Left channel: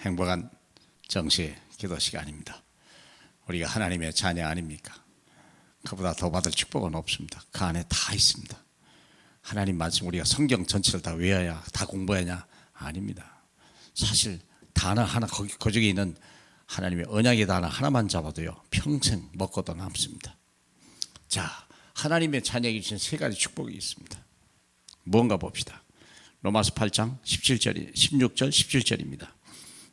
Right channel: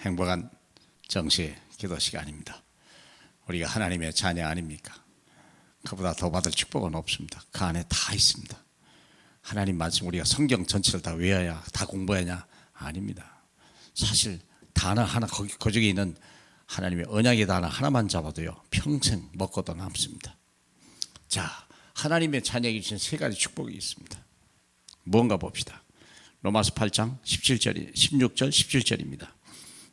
행복한 정시 기도 시간입니다. 우리가 하나님의 자녀 아닙니까? 그보다 더 받을 축복은 없습니다. 그 안에 다 있습니다. 하나님 말씀 우리가 성경 전체를 다 외워야 다 공부하냐? 아닙니다. 사실 단어 하나 그 중에 있는 하나님의 언약의 단어 하나만 잡아도요 평생 먹고도 남습니다. 자, 하나님의 자녀에게 주신 세 가지 축복이 있습니다. 뭔가 봅시다. 로마서 8장 16절 17절입니다.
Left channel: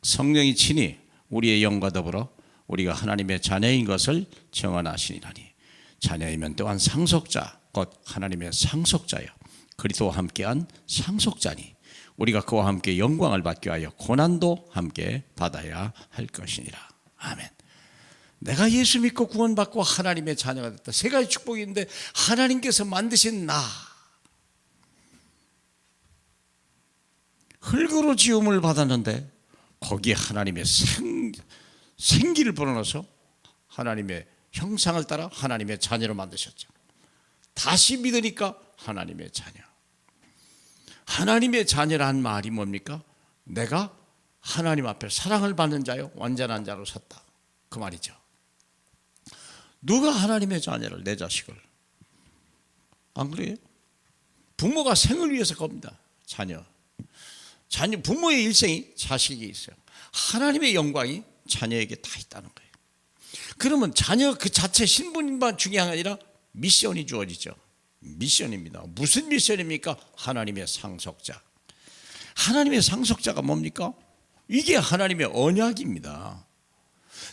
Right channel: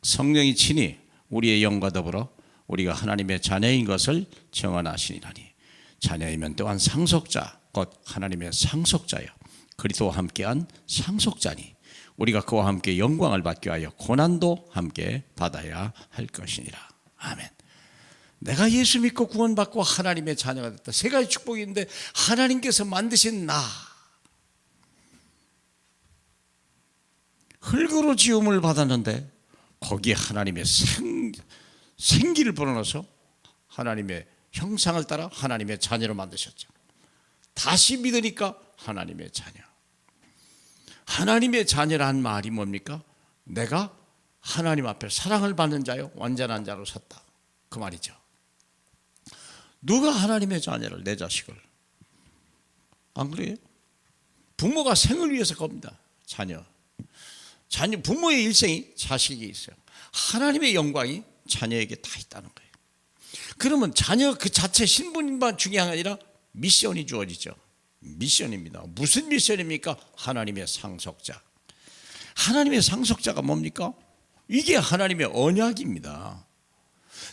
성령이 친히 우리의 영과 더불어 우리가 하나님의 자녀인 것을 증언하시니라니. 자녀이면 또한 상속자 곧 하나님의 상속자여 그리스도와 함께한 상속자니 우리가 그와 함께 영광을 받기 위하여 고난도 함께 받아야 할 것이니라. 아멘. 내가 예수 믿고 구원받고 하나님의 자녀가 됐다. 세 가지 축복이 있는데 하나님께서 만드신 나, 흙으로 지음을 받았는데 거기에 하나님의 생기를 불어넣어서 하나님의 형상을 따라 하나님의 자녀로 만드셨죠. 다시 믿으니까 하나님의 자녀. 하나님의 자녀라는 말이 뭡니까? 내가 하나님 앞에 사랑을 받는 자요 완전한 자로 섰다, 그 말이죠. 누가 하나님의 자녀를, 내 자식을, 안 그래요? 부모가 생을 위해서 겁니다. 자녀 부모의 일생이 자식에게 있어요. 하나님의 영광이 자녀에게 다 있다는 거예요. 그러면 자녀 그 자체 신분만 중요한 게 아니라 미션이 주어지죠. 미션입니다. 무슨 미션입니까? 하나님의 상속자. 하나님의 상속자가 뭡니까? 이게 하나님의 언약입니다.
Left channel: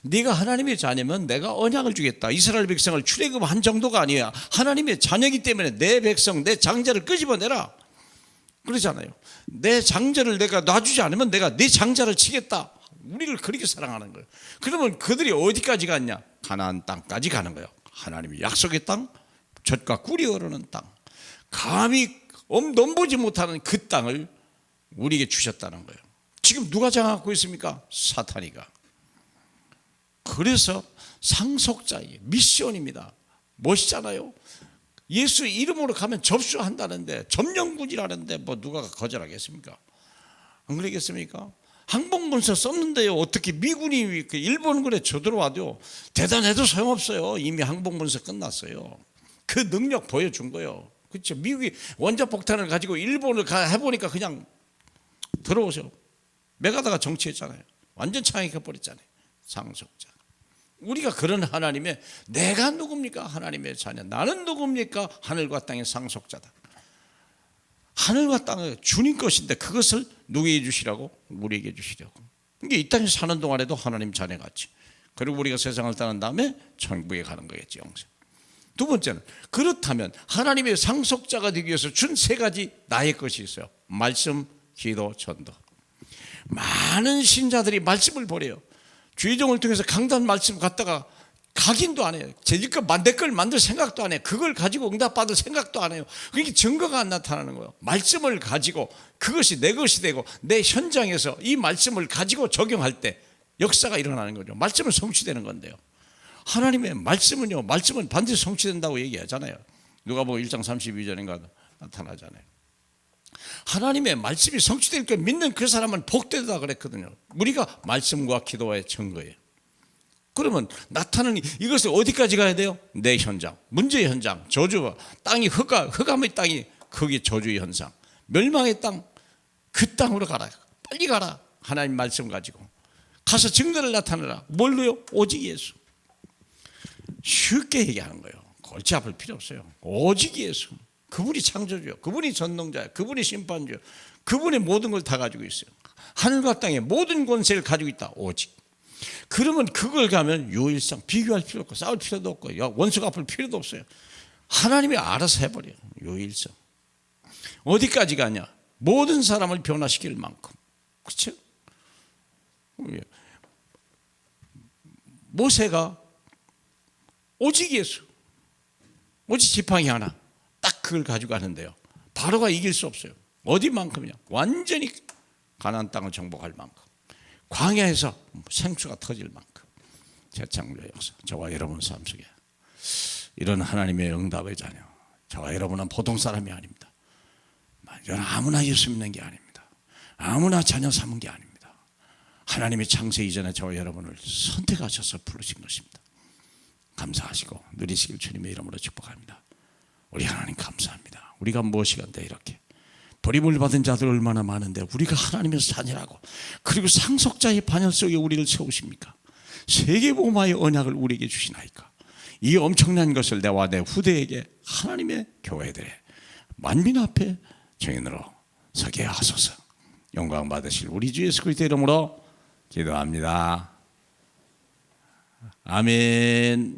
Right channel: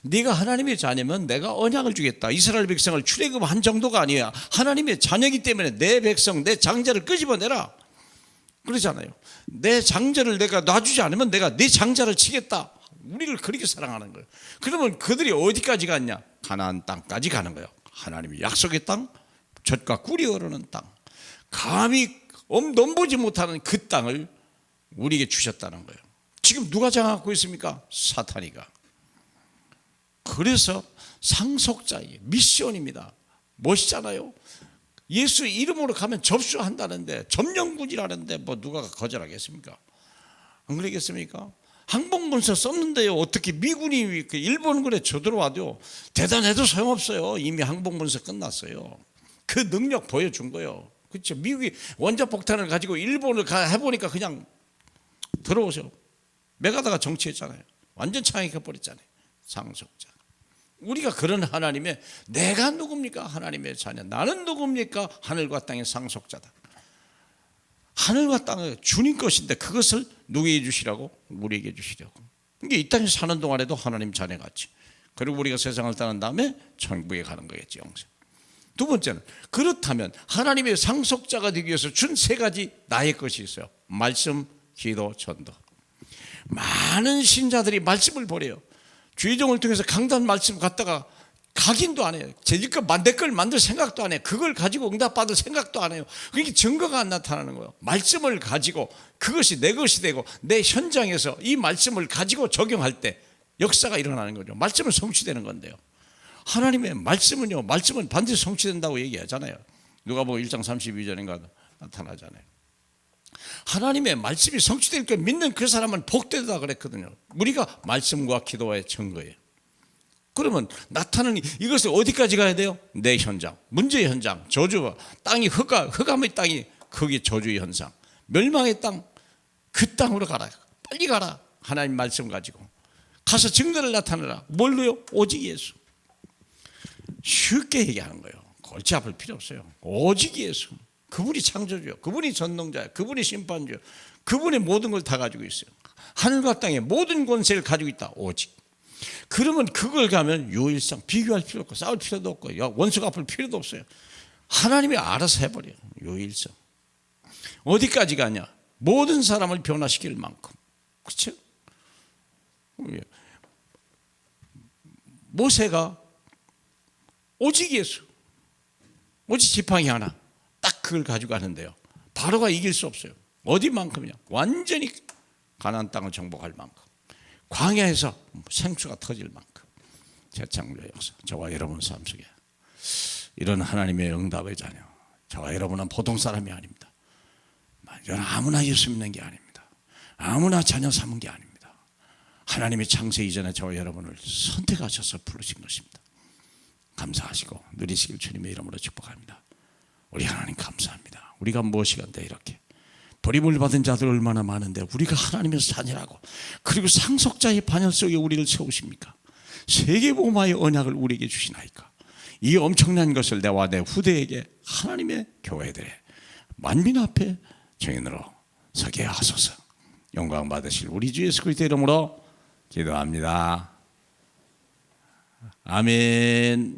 네가 하나님의 자녀면 내가 언약을 주겠다. 이스라엘 백성을 출애굽한 정도가 아니야. 하나님의 자녀이기 때문에 내 백성, 내 장자를 끄집어내라 그러잖아요. 내 장자를 내가 놔주지 않으면 내가 네 장자를 치겠다. 우리를 그렇게 사랑하는 거예요. 그러면 그들이 어디까지 갔냐? 가나안 땅까지 가는 거예요. 하나님의 약속의 땅, 젖과 꿀이 흐르는 땅, 감히 넘보지 못하는 그 땅을 우리에게 주셨다는 거예요. 지금 누가 장악하고 있습니까? 사탄이가. 그래서 상속자의 미션입니다. 멋있잖아요. 예수 이름으로 가면 접수한다는데, 점령군이라는데 뭐 누가 거절하겠습니까? 안 그러겠습니까? 항복문서 썼는데요 어떻게 미군이 일본군에 쳐들어와도 대단해도 소용없어요. 이미 항복문서 끝났어요. 그 능력 보여준 거예요. 그렇죠? 미국이 원자폭탄을 가지고 일본을 해보니까 그냥 들어오세요. 메가다가 정치했잖아요. 완전 창익해버렸잖아요. 상속자. 우리가 그런 하나님의, 내가 누굽니까? 하나님의 자녀. 나는 누굽니까? 하늘과 땅의 상속자다. 하늘과 땅은 주님 것인데 그것을 누구에게 주시라고? 우리에게 주시려고. 이게 이 땅에 사는 동안에도 하나님 자녀 같이. 그리고 우리가 세상을 떠난 다음에 천국에 가는 거겠지, 영생. 두 번째는, 그렇다면 하나님의 상속자가 되기 위해서 준 세 가지 나의 것이 있어요. 말씀, 기도, 전도. 많은 신자들이 말씀을 버려요. 주의종을 통해서 강단 말씀 갖다가 각인도 안 해요. 제지껏 내 걸 만들 생각도 안 해요. 그걸 가지고 응답받을 생각도 안 해요. 그러니까 증거가 안 나타나는 거예요. 말씀을 가지고 그것이 내 것이 되고 내 현장에서 이 말씀을 가지고 적용할 때 역사가 일어나는 거죠. 말씀은 성취되는 건데요. 하나님의 말씀은요, 말씀은 반드시 성취된다고 얘기하잖아요. 누가복음 1장 32절인가 나타나잖아요. 하나님의 말씀이 성취될 걸 믿는 그 사람은 복되다 그랬거든요. 우리가 말씀과 기도의 증거예요. 그러면 나타나는 이것을 어디까지 가야 돼요? 내 현장, 문제의 현장, 저주와 땅이 흑암의 땅이 거기 저주의 현상, 멸망의 땅, 그 땅으로 가라. 빨리 가라. 하나님 말씀 가지고 가서 증거를 나타내라. 뭘로요? 오직 예수. 쉽게 얘기하는 거예요. 골치 아플 필요 없어요. 오직 예수. 그분이 창조주요, 그분이 전능자요, 그분이 심판주요, 그분의 모든 걸 다 가지고 있어요. 하늘과 땅의 모든 권세를 가지고 있다. 오직. 그러면 그걸 가면 유일성, 비교할 필요 없고 싸울 필요도 없고 원수가 아플 필요도 없어요. 하나님이 알아서 해버려요. 유일성. 어디까지 가냐? 모든 사람을 변화시킬 만큼. 그렇죠? 모세가 오직 예수, 오직 지팡이 하나, 딱 그걸 가지고 가는데요, 바로가 이길 수 없어요. 어디만큼이냐? 완전히 가나안 땅을 정복할 만큼, 광야에서 생수가 터질 만큼. 재창조의 역사. 저와 여러분 삶 속에 이런 하나님의 응답의 자녀, 저와 여러분은 보통 사람이 아닙니다. 아무나 예수 믿는 게 아닙니다. 아무나 자녀 삼은 게 아닙니다. 하나님이 창세 이전에 저와 여러분을 선택하셔서 부르신 것입니다. 감사하시고 누리시길 주님의 이름으로 축복합니다. 우리 하나님 감사합니다. 우리가 무엇이간데 이렇게 버림을 받은 자들 얼마나 많은데 우리가 하나님의 산이라고, 그리고 상속자의 반열 속에 우리를 세우십니까? 세계복음화의 언약을 우리에게 주시나이까? 이 엄청난 것을 내와 내 후대에게 하나님의 교회들의 만민 앞에 증인으로 서게 하소서. 영광 받으실 우리 주 예수 그리스도의 이름으로 기도합니다. 아멘.